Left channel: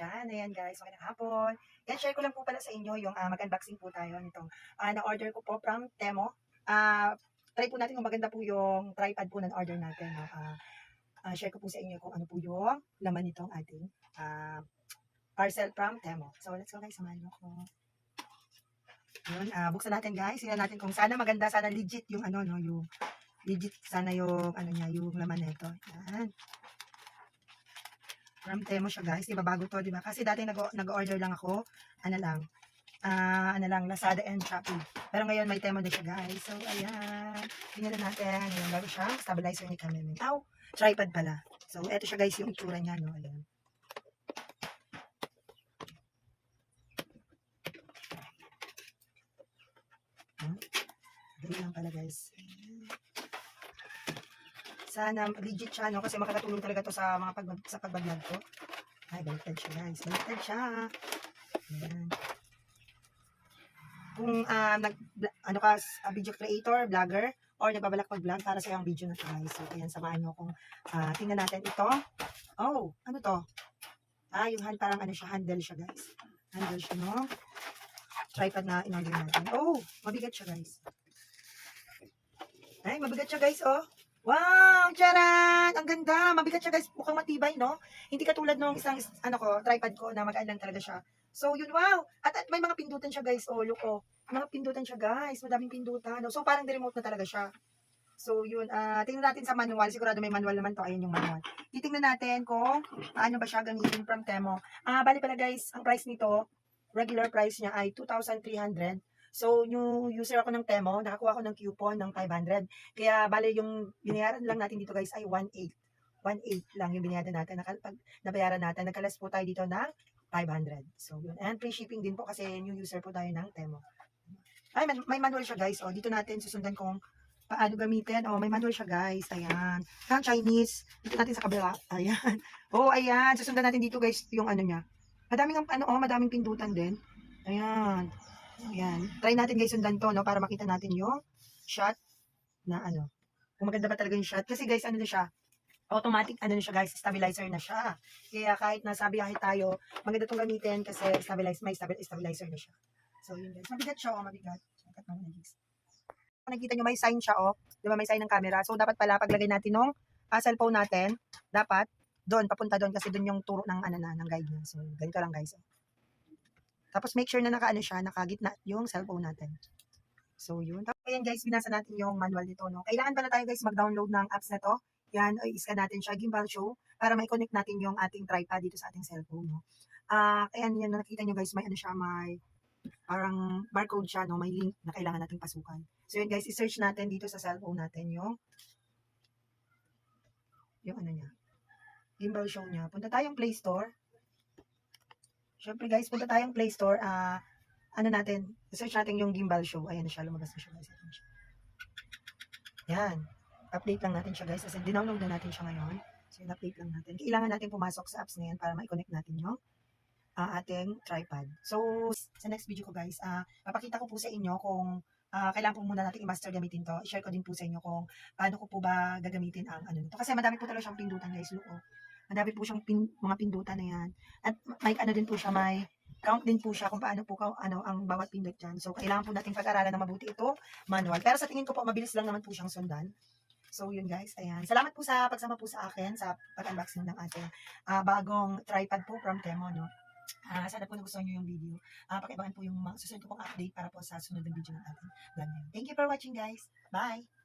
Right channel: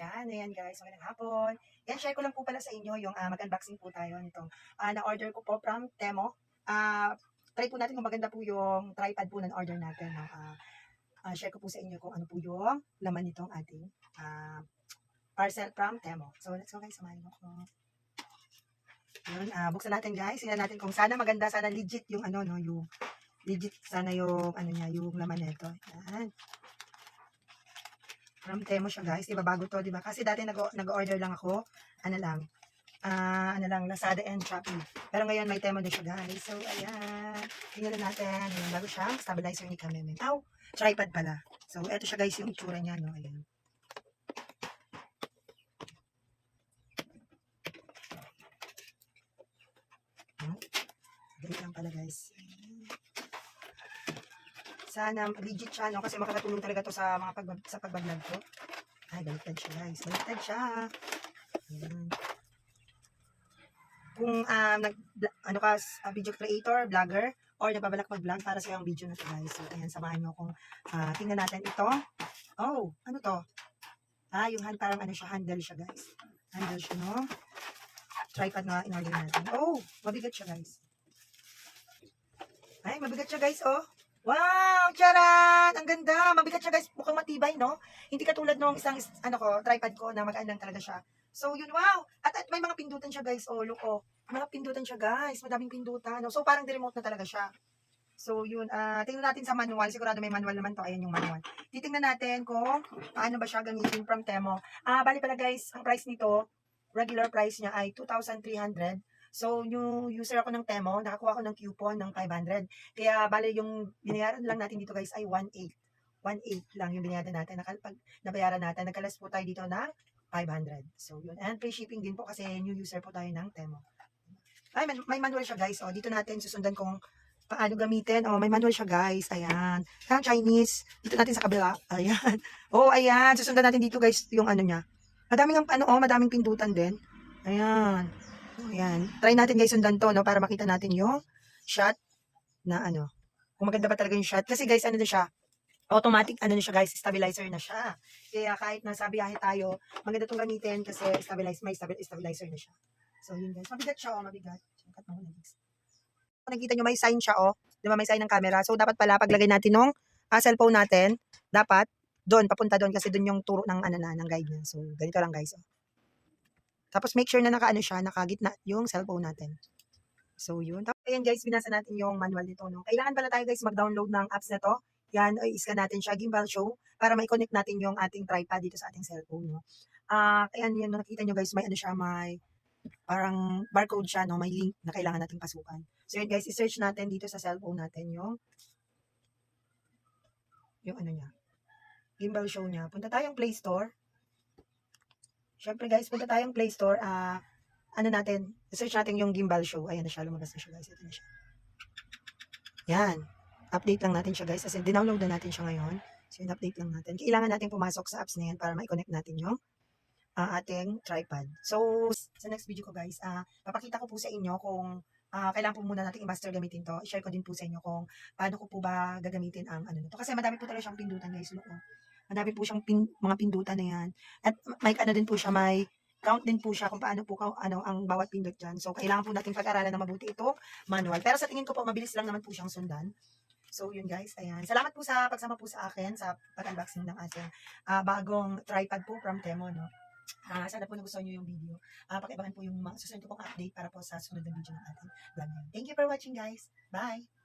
dyan. Ayan guys, magandang hapon. Yan, share ko lang po pala sa inyo yung ah, mag-unboxing po tayo nitong ah, na-order ko po from Temo. Ah, try po natin kung maganda po yung tripod po na order natin. No? Ah, ah, share ko po sa inyo kung ano po yung laman nitong ating ah, parcel from Temo. So let's go guys, samahan niyo ko. Yun, ah, buksan natin guys. Tingnan natin kung sana maganda, sana legit yung ano, no, yung legit sana yung ano niya, yung laman nito. Yan. From Temo siya guys. Diba bago to, diba? Kasi dati nag- nag-order lang ako. Ano lang. Ah, ano lang, Lazada and Shopee. Pero ngayon may Temo na siya guys. So, ayan. Tingnan natin. Ayan, meron siya. Stabilizer ni Kameme. Aw, tripod pala. So, eto siya guys yung itsura niya, no? Ayan. Hmm? Dali lang pala guys. Sana legit siya, no? Kasi makakatulong talaga to sa mga pag sa pagbablog ko. Ay, baliktad siya, guys. Baliktad siya. Ayan. Kung ah, nag, ano ka, ah, video creator, vlogger, or nagbabalak mag-vlog para sa yung video na to, guys. So, ayan, samahan nyo kung ah, tingnan natin ito. Oh, ano to? Ah, yung hand, parang ano siya, handle siya, guys. Handle siya, no? Tripod na in-order natin. Oh, mabigat siya, guys. Ay, mabigat siya, guys, oh. Wow! Charan! Ang ganda! Mabigat siya guys. Mukhang matibay, no? Hindi katulad nung isang, ano ko, tripod ko na magaan lang talaga siya. So, yun, wow! At, at may mga pindutan siya guys. Oh, look, oh. Mga pindutan siya guys. Madaming pindutan. So, parang remote na talaga siya. So, yun. ah tingnan natin sa manual. Sigurado may manual naman to. Ayan yung manual. Titingnan natin kung paano ba siya gamitin from Temo. Ah, bali pala guys, ang price nito, regular price niya ay 2,300. So, yung user ako ng Temo, nakakuha ko ng coupon ng 500. Kaya, bale, yung binayaran lang natin dito guys ay 1.8. 1.8 lang yung binayaran natin. Nakal, pag nabayaran natin, nakalas po tayo dito ng 500. So, yun. And free shipping din po kasi new user po tayo ng Temo. Ay, may manual siya guys. O, dito natin susundan kung paano gamitin. O, may manual siya guys. Ayan. Parang Chinese. Dito natin sa kabila. Ayan. O, ayan. Susundan natin dito guys yung ano niya. Madaming ang- ano, oh, madaming pindutan din. Ayan. Ayan. Try natin guys sundan to, no? Para makita natin yung shot na ano. Kung maganda pa talaga yung shot. Kasi guys, ano na siya? Automatic, ano na siya guys, stabilizer na siya. Kaya kahit nasa biyahe tayo, maganda itong gamitin kasi stabilize, may stabil- stabilizer na siya. So yun guys. Mabigat siya, oh, mabigat. Cut mo muna, guys. Kung nakita nyo, may sign siya, oh. Di ba, may sign ng camera. So dapat pala, paglagay natin ng ah, cellphone natin, dapat doon, papunta doon kasi doon yung turo ng ano na, ng guide niya. So, ganito lang guys. Oh. Tapos make sure na nakaano siya, nakagitna yung cellphone natin. So yun. Tapos ayan guys, binasa natin yung manual nito. No? Kailangan pala tayo guys mag-download ng apps na to. Yan, o iskan natin siya, Gimbal Show, para mai-connect natin yung ating tripod dito sa ating cellphone. No? Ah, ayan, yan, nakita nyo guys, may ano siya, may parang barcode siya, no? may link na kailangan nating pasukan. So yun guys, i-search natin dito sa cellphone natin yung yung ano niya, Gimbal Show niya. Punta tayong Play Store. Siyempre guys, punta tayong Play Store. Ah, ano natin, search natin yung Gimbal Show. Ayan na siya, lumabas na siya guys. Ito na siya. Yan. Update lang natin siya guys. Kasi dinownload na natin siya ngayon. So, yun, update lang natin. Kailangan natin pumasok sa apps na yan para ma-connect natin yung ah, ating tripod. So, sa next video ko guys, ah, papakita ko po sa inyo kung ah, kailangan po muna natin i-master gamitin to. I-share ko din po sa inyo kung paano ko po ba gagamitin ang ano nito. Kasi madami po talaga siyang pindutan guys. Look, oh. Madami po siyang pin, mga pindutan na yan. At may ano din po siya, may count din po siya kung paano po ano ang bawat pindot dyan. So, kailangan po natin pag-aralan na mabuti ito, manual. Pero sa tingin ko po, mabilis lang naman po siyang sundan. So, yun guys. Ayan. Salamat po sa pagsama po sa akin sa pag-unboxing ng ating ah, bagong tripod po from Temo, no? Ah, sana po nagustuhan nyo yung video. Ah, pakiabangan po yung mga susunod ko pong update para po sa sunod na video ng ating vlog. Thank you for watching guys. Bye!